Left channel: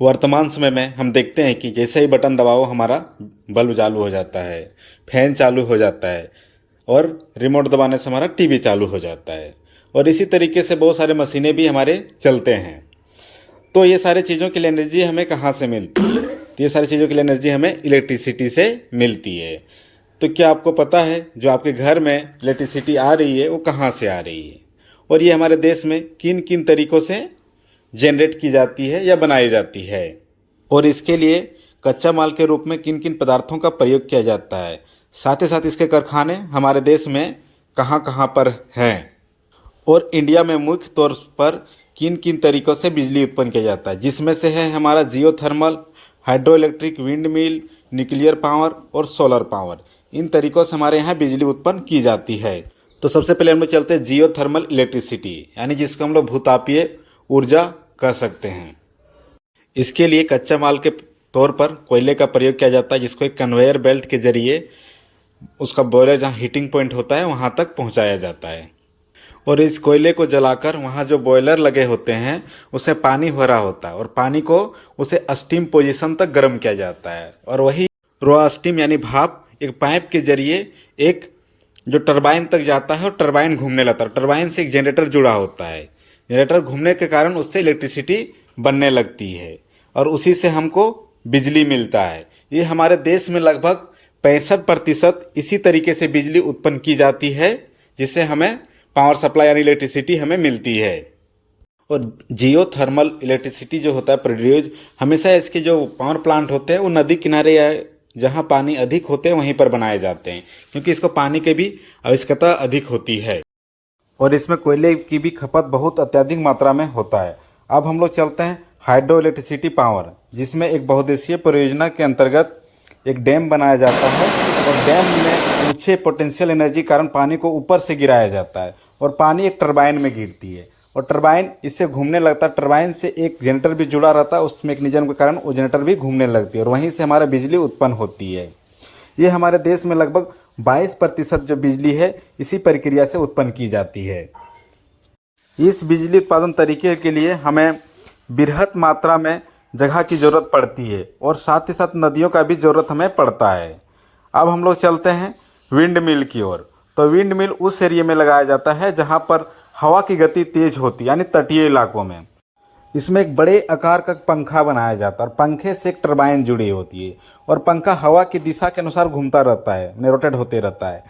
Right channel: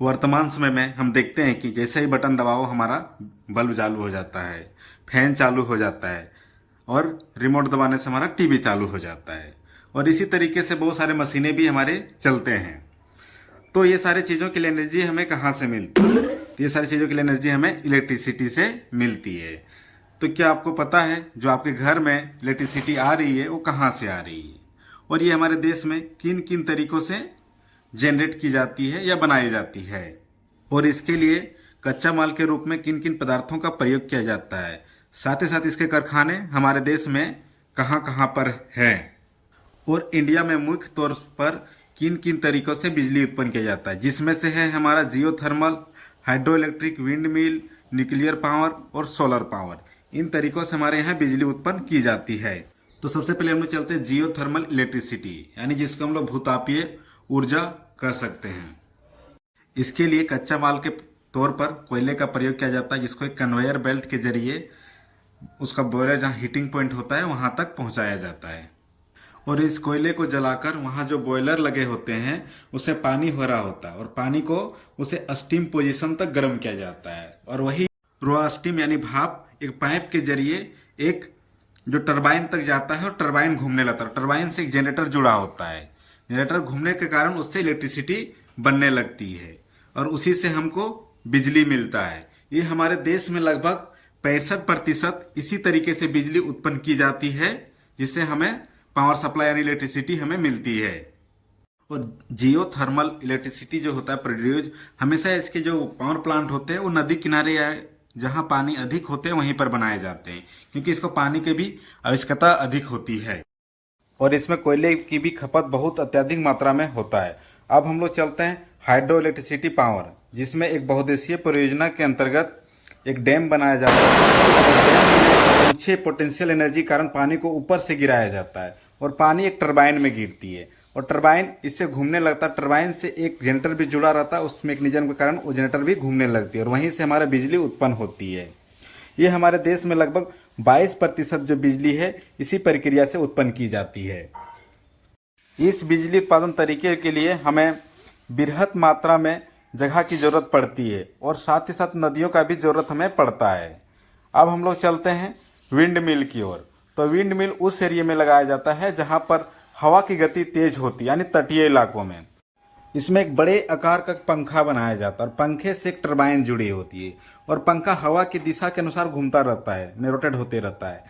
वर्तमान समय में हम देखते हैं कि जैसे ही बटन दबाओ हमारा बल्ब चालू हो जाता है, फैन चालू हो जाता है और रिमोट दबाने से हमारा टीवी चालू हो जाता है। और इसी तरीके से बहुत सारे मशीनें भी हमारे चलते हैं। तो ये सारी चीज़ों के लिए एनर्जी हमें कहाँ से मिलती है? तो ये सारी चीज़ों के लिए एनर्जी हमें इलेक्ट्रिसिटी से मिलती है। तो क्या आपको पता है जो आपके घर में इलेक्ट्रिसिटी आ रही है वो कहाँ से आ रही है, और ये हमारे देश में किन किन तरीक़ों से जनरेट की जाती है या बनाई जाती है, और इसके लिए कच्चा माल के रूप में किन किन पदार्थों का प्रयोग किया जाता है, साथ ही साथ इसके कारखाने हमारे देश में कहाँ कहाँ पर हैं, और इंडिया में मुख्य तौर पर किन किन तरीक़ों से बिजली उत्पन्न किया जाता है, जिसमें से है हमारा geothermal, hydro electric, wind mill, nuclear power और सोलर पावर। इन तरीक़ों से हमारे यहाँ बिजली उत्पन्न की जाती है। तो सबसे पहले हम लोग चलते हैं जियोथर्मल इलेक्ट्रिसिटी, यानी जिसको हम लोग भूतापीय ऊर्जा कह सकते हैं। इसके लिए कच्चा माल के तौर पर कोयले का प्रयोग किया जाता है, जिसको एक कन्वेयर बेल्ट के जरिए उसका बॉयलर जहाँ हीटिंग पॉइंट होता है वहाँ तक पहुँचाया जाता है, और इस कोयले को जलाकर वहाँ जो बॉयलर लगे होते हैं उससे पानी हो रहा होता है, और पानी को उसे स्टीम पोजीशन तक गर्म किया जाता है, और वही रॉ स्टीम यानी भाप एक पाइप के जरिए एक जो टरबाइन तक जाता है, और टरबाइन घूमने लगता है। टरबाइन से एक जनरेटर जुड़ा होता है। जनरेटर घूमने के कारण उससे इलेक्ट्रिसिटी बनने लगती है, और उसी से हमको बिजली मिलता है। ये हमारे देश में लगभग 65% इसी तरीके से बिजली उत्पन्न की जाती है, जिससे हमें पावर सप्लाई यानी इलेक्ट्रिसिटी हमें मिलती है। और जियोथर्मल इलेक्ट्रिसिटी जो होता है प्रोड्यूस, हमेशा इसके जो पावर प्लांट होते हैं वो नदी किनारे या जहाँ पानी अधिक होते हैं वहीं पर बनाए जाते हैं, क्योंकि इसको पानी की भी आवश्यकता अधिक होती है, और इसमें कोयले की भी खपत बहुत अत्यधिक मात्रा में होता है। अब हम लोग चलते हैं हाइड्रो इलेक्ट्रिसिटी पावर, जिसमें एक बहुउद्देशीय परियोजना के अंतर्गत एक डैम बनाया जाता है, और डैम में ऊंचे पोटेंशियल एनर्जी कारण पानी को ऊपर से गिराया जाता है, और पानी एक टरबाइन में गिरती है, और टरबाइन इससे घूमने लगता है। टरबाइन से एक जनरेटर भी जुड़ा रहता है, उस मैकेनिज्म के कारण वो जनरेटर भी घूमने लगती है, और वहीं से हमारा बिजली उत्पन्न होती है। ये हमारे देश में लगभग 22% जो बिजली है इसी प्रक्रिया से उत्पन्न की जाती है। इस बिजली उत्पादन तरीके के लिए हमें बृहत मात्रा में जगह की ज़रूरत पड़ती है, और साथ ही साथ नदियों का भी ज़रूरत हमें पड़ता है। अब हम लोग चलते हैं विंड मिल की ओर। तो विंड मिल उस एरिया में लगाया जाता है जहाँ पर हवा की गति तेज होती है, यानी तटीय इलाकों में। इसमें एक बड़े आकार का पंखा बनाया जाता है, और पंखे से एक टरबाइन जुड़ी होती है, और पंखा हवा की दिशा के अनुसार घूमता रहता है, रोटेट होते रहता है।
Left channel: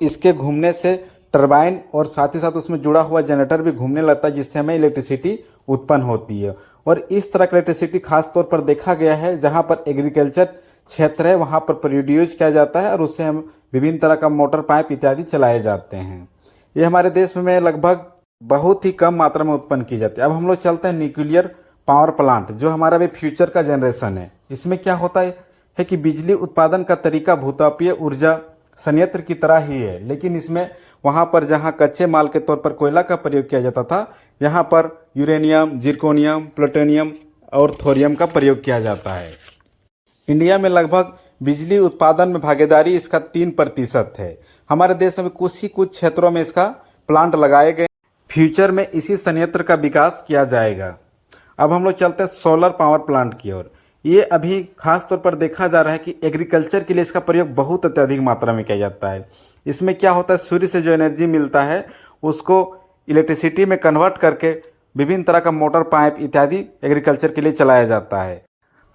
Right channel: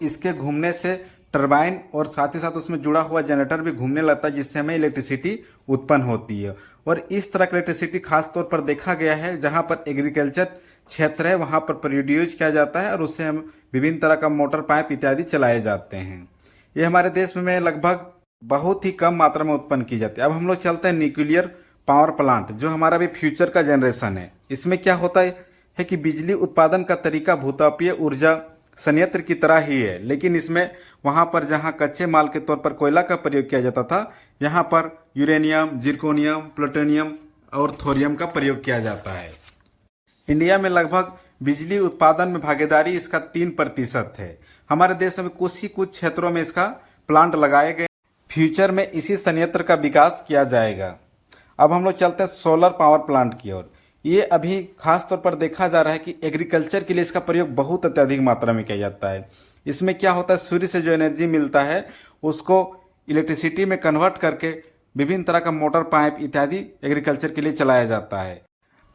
इसके घूमने से टरबाइन और साथ ही साथ उसमें जुड़ा हुआ जनरेटर भी घूमने लगता है, जिससे हमें इलेक्ट्रिसिटी उत्पन्न होती है। और इस तरह की इलेक्ट्रिसिटी खास तौर पर देखा गया है जहाँ पर एग्रीकल्चर क्षेत्र है, वहाँ पर प्रोड्यूस किया जाता है, और उससे हम विभिन्न तरह का मोटर पाइप इत्यादि चलाए जाते हैं। ये हमारे देश में लगभग बहुत ही कम मात्रा में उत्पन्न की जाती है। अब हम लोग चलते हैं न्यूक्लियर पावर प्लांट, जो हमारा भी फ्यूचर का जनरेशन है। इसमें क्या होता है कि बिजली उत्पादन का तरीका भूतापीय ऊर्जा संयंत्र की तरह ही है, लेकिन इसमें वहाँ पर जहाँ कच्चे माल के तौर पर कोयला का प्रयोग किया जाता था, यहाँ पर यूरेनियम, जिर्कोनियम, प्लूटोनियम और थोरियम का प्रयोग किया जाता है। इंडिया में लगभग बिजली उत्पादन में भागीदारी इसका 3% है। हमारे देश में कुछ क्षेत्रों में इसका प्लांट लगाए गए। फ्यूचर में इसी संयंत्र का विकास किया जाएगा। अब हम लोग चलते हैं सोलर पावर प्लांट की ओर। ये अभी खास तौर पर देखा जा रहा है कि एग्रीकल्चर के लिए इसका प्रयोग बहुत अत्यधिक मात्रा में किया जाता है। इसमें क्या होता है, सूर्य से जो एनर्जी मिलता है उसको इलेक्ट्रिसिटी में कन्वर्ट करके विभिन्न तरह का मोटर पाइप इत्यादि एग्रीकल्चर के लिए चलाया जाता है।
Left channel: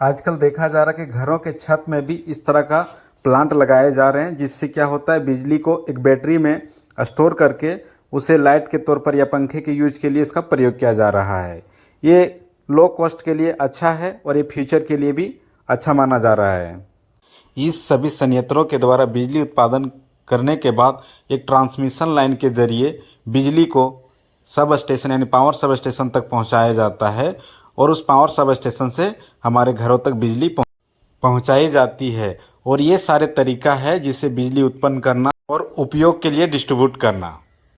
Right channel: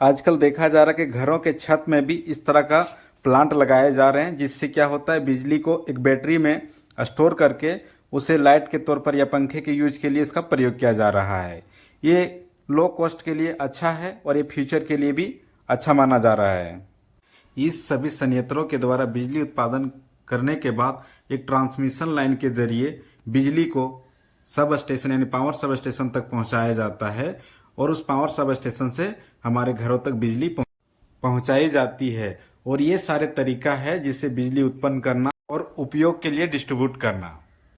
आजकल देखा जा रहा है कि घरों के छत में भी इस तरह का प्लांट लगाए जा रहे हैं, जिससे क्या होता है बिजली को एक बैटरी में स्टोर करके उसे लाइट के तौर पर या पंखे के यूज के लिए इसका प्रयोग किया जा रहा है। ये लो कॉस्ट के लिए अच्छा है, और ये फ्यूचर के लिए भी अच्छा माना जा रहा है। इस सभी संयंत्रों के द्वारा बिजली उत्पादन करने के बाद एक ट्रांसमिशन लाइन के जरिए बिजली को सब स्टेशन यानी पावर सब स्टेशन तक पहुंचाया जाता है, और उस पावर सब स्टेशन से हमारे घरों तक बिजली पहुंचाई जाती है। और ये सारे तरीका है जिससे बिजली उत्पन्न करना और उपयोग के लिए डिस्ट्रीब्यूट करना।